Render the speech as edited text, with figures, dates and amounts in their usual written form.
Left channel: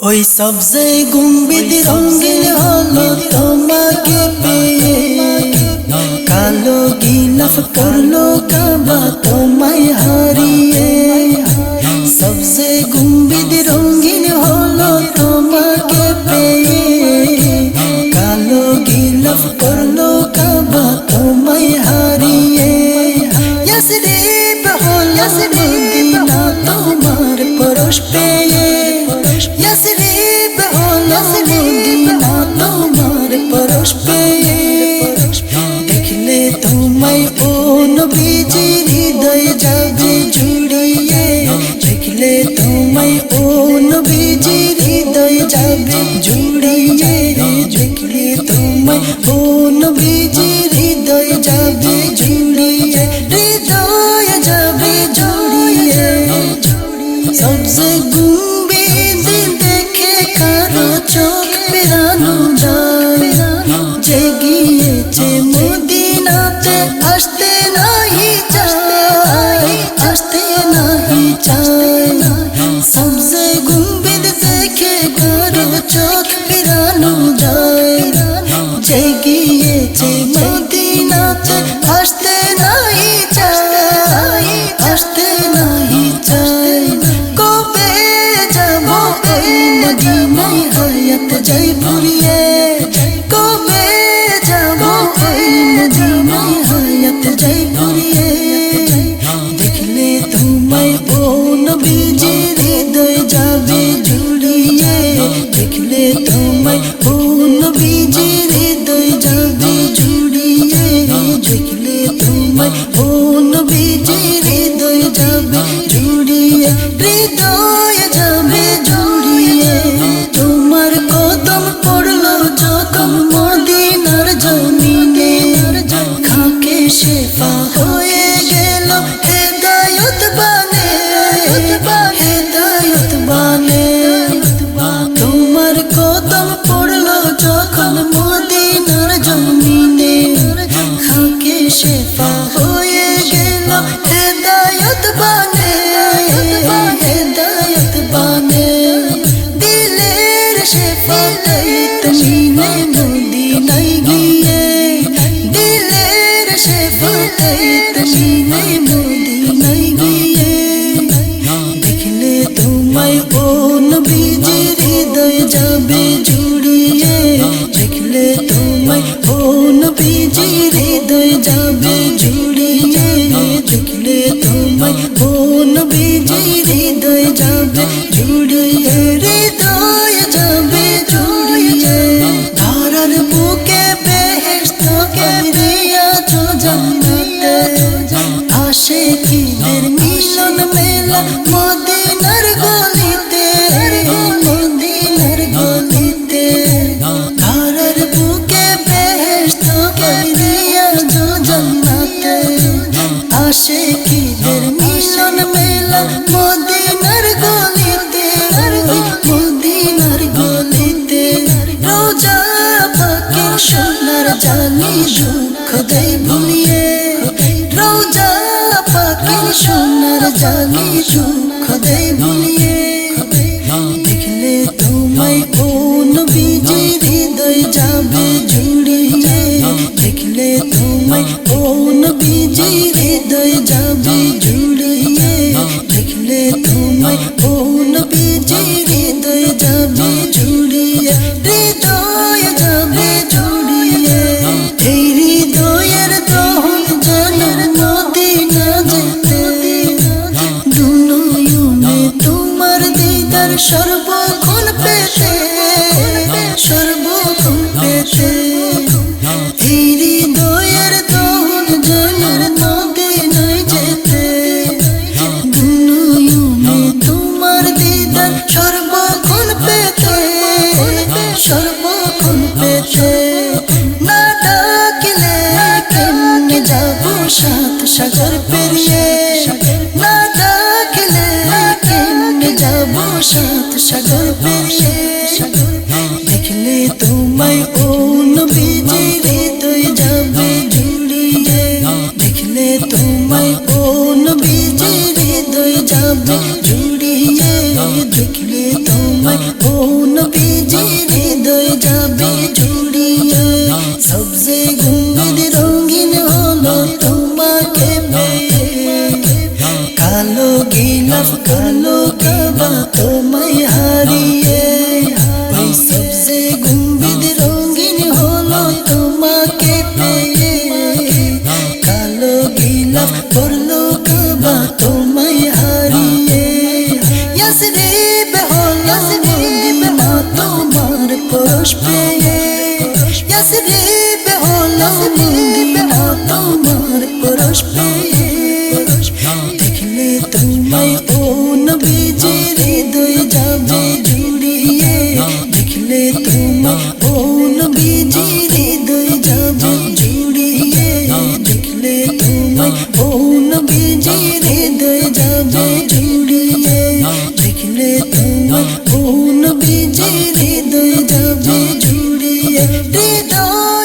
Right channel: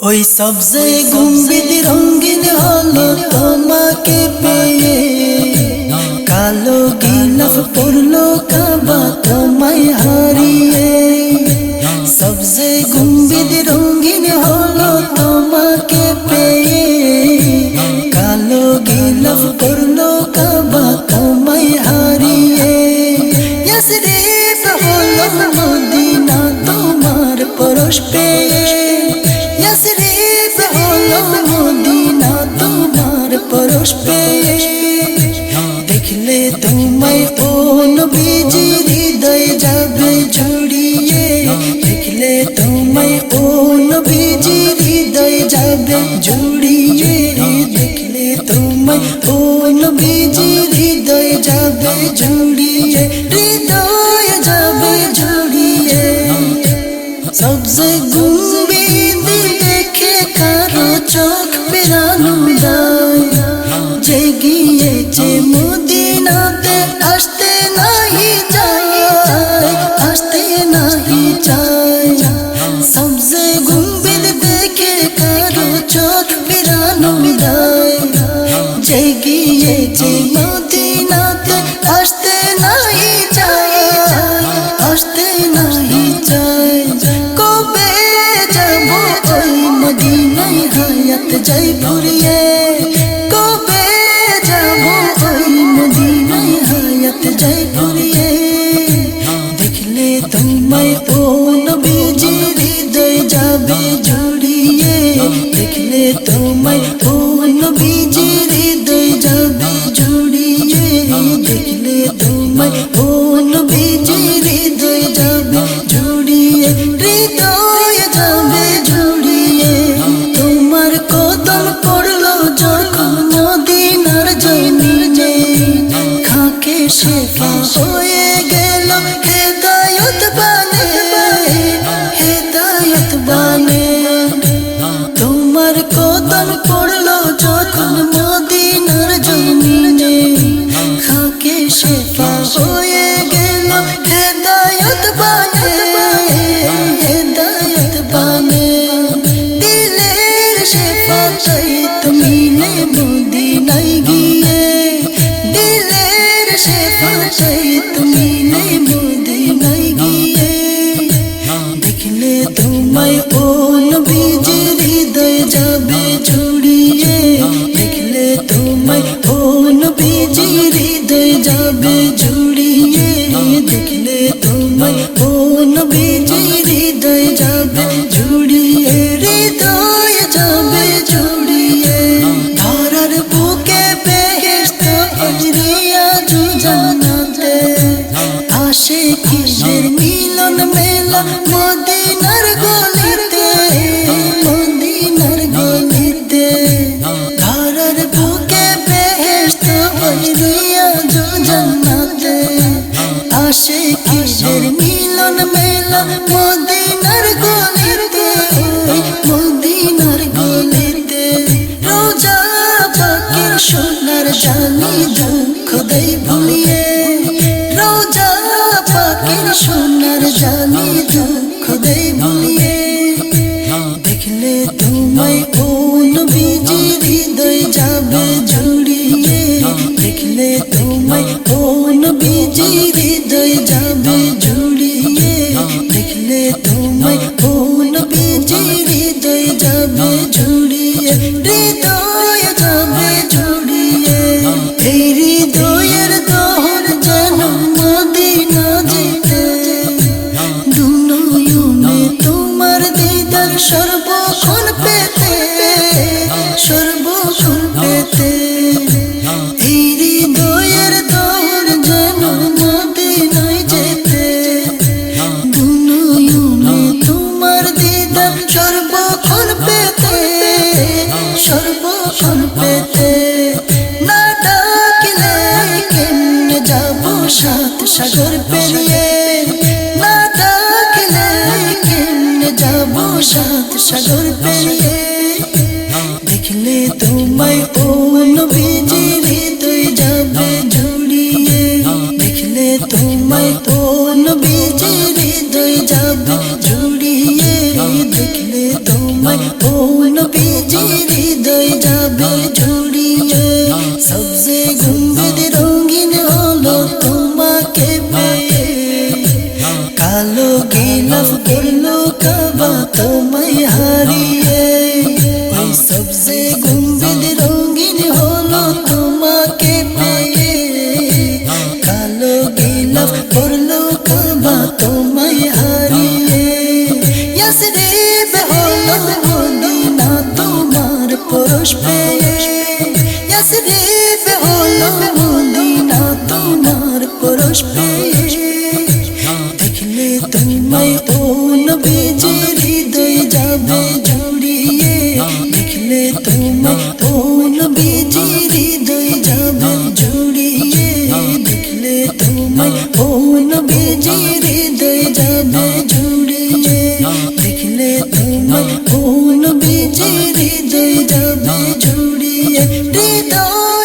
ওই সবজে গুম্বিদ রঙিন হলো তোমাকে পেয়ে, কালো গিলাফ পরলো কাবা তোমায় হারিয়ে। সবজে গুম্বিদ রঙিন হলো তোমাকে পেয়ে, কালো গিলাফ পরলো কাবা তোমায় হারিয়ে। ইয়াসরিব হলো মদিনা তোমার পরশ পেয়ে, ইয়াসরিব হলো মদিনা তোমার পরশ পেয়ে। দেখলে তোমায় ও নবীজি হৃদয় যাবে জুড়িয়ে, দেখলে তোমায় ও নবীজি হৃদয় যাবে জুড়িয়ে, দেখলে তোমায় ও নবীজি হৃদয় যাবে জুড়িয়ে, হৃদয় যাবে জুড়িয়ে। সবজে গুম্বিদ দেখে কারো চোখ পেরানো দায়, যে গিয়েছে মদিনাতে আসতে নাহি চায়, আসতে নাহি চায়। সবজে গুম্বিদ দেখে কারো চোখ পেরানো দায়, যে গিয়েছে মদিনাতে আসতে নাহি চায়, আসতে নাহি চায়। কবে যাব ওই মদিনায় হায়াত যাই ফুরিয়ে, কবে যাব ওই মদিনায় হায়াত যাই ফুরিয়ে। দেখলে তোমায় ও নবীজি হৃদয় যাবে জুড়িয়ে, দেখলে তোমায় ও নবীজি হৃদয় যাবে জুড়িয়ে, দেখলে তোমায় ও নবীজি হৃদয় যাবে জুড়িয়ে, হৃদয় যাবে জুড়িয়ে। তোমার কদম পড়লো যখন মদিনার জমিনে, খাকে শেফা হয়ে গেল হেদায়ত বানে, হেদায়ত বানে। তোমার কদম পড়লো যখন মদিনার জমিনে, খাকে শেফা হয়ে গেল হেদায়ত বানে, হেদায়ত বানে। দিলের শেফাতাই তুমি নে মদিনায় গিয়ে, দিলের শেফাতাই তুমি নে মদিনায় গিয়ে। দেখলে তোমায় ও নবীজি হৃদয় যাবে জুড়িয়ে, দেখলে তোমায় ও নবীজি হৃদয় যাবে জুড়িয়ে, দেখলে তোমায় ও নবীজি হৃদয় যাবে জুড়িয়ে, হৃদয় যাবে জুড়িয়ে। ধরার বুকে বেহেশত রিয়াজুল জান্নাতে, আশিকীদের মিলন মেলা মদিনার গলিতে, মদিনার গলিতে। ধরার বুকে বেহেশত রিয়াজুল জান্নাতে, আশিকীদের মিলন মেলা মদিনার গলিতে, ওই মদিনার গলিতে। রোজা পাকের সোনার জালি দুঃখ দেই ভুলিয়ে, রোজা পাকের সোনার জালি দুঃখ দেই ভুলিয়ে। দেখলে তোমায় ও নবীজি হৃদয় যাবে জুড়িয়ে, দেখলে তোমায় ও নবীজি হৃদয় যাবে জুড়িয়ে, দেখলে তোমায় ও নবীজি হৃদয় যাবে জুড়িয়ে, হৃদয় যাবে জুড়িয়ে। এই হৃদয়ের দহন যেন মদিনা যেতে, দুনয়নে তোমার দিদার সর্বক্ষণ পেতে, সর্বক্ষণ পেতে। এই হৃদয়ের দহন যেন মদিনায় যেতে, দুনয়নে তোমার দিদার সর্বক্ষণ পেতে, সর্বক্ষণ পেতে। না ডাকিলে কেমনে যাবো সাত সাগর পেরিয়ে, না ডাকিলে কেমনে যাবো সাত সাগর পেরিয়ে। দেখলে তোমায় ও নবীজি হৃদয় যাবে জুড়িয়ে, দেখলে তোমায় ও নবীজি হৃদয় যাবে জুড়িয়ে দেখলে তোমায় ও নবীজি হৃদয় যাবে জুড়িয়ে সবজে গুম্বদ রঙিন হলো তোমাকে পেয়ে কালো গিলাফ পরলো কাবা তোমায় হারিয়ে ওই সবজে গুম্বদ রঙিন হলো তোমাকে পেয়ে কালো গিলাফ পরলো কাবা তোমায় হারিয়ে ইয়াসরিব হলো মদিনা তোমার পরশ পেয়ে ইয়াসরিব হলো মদিনা তোমার পরশ পেয়ে দেখলে তোমায় ও নবীজি হৃদয় যাবে জুড়িয়ে দেখলে তোমায় ও নবীজি হৃদয় যাবে জুড়িয়ে দেখলে তোমায় ও নবীজি হৃদয় যাবে জুড়িয়ে দেখলে তোমায় ও নবীজি হৃদয় যাবে জুড়িয়ে হৃদয়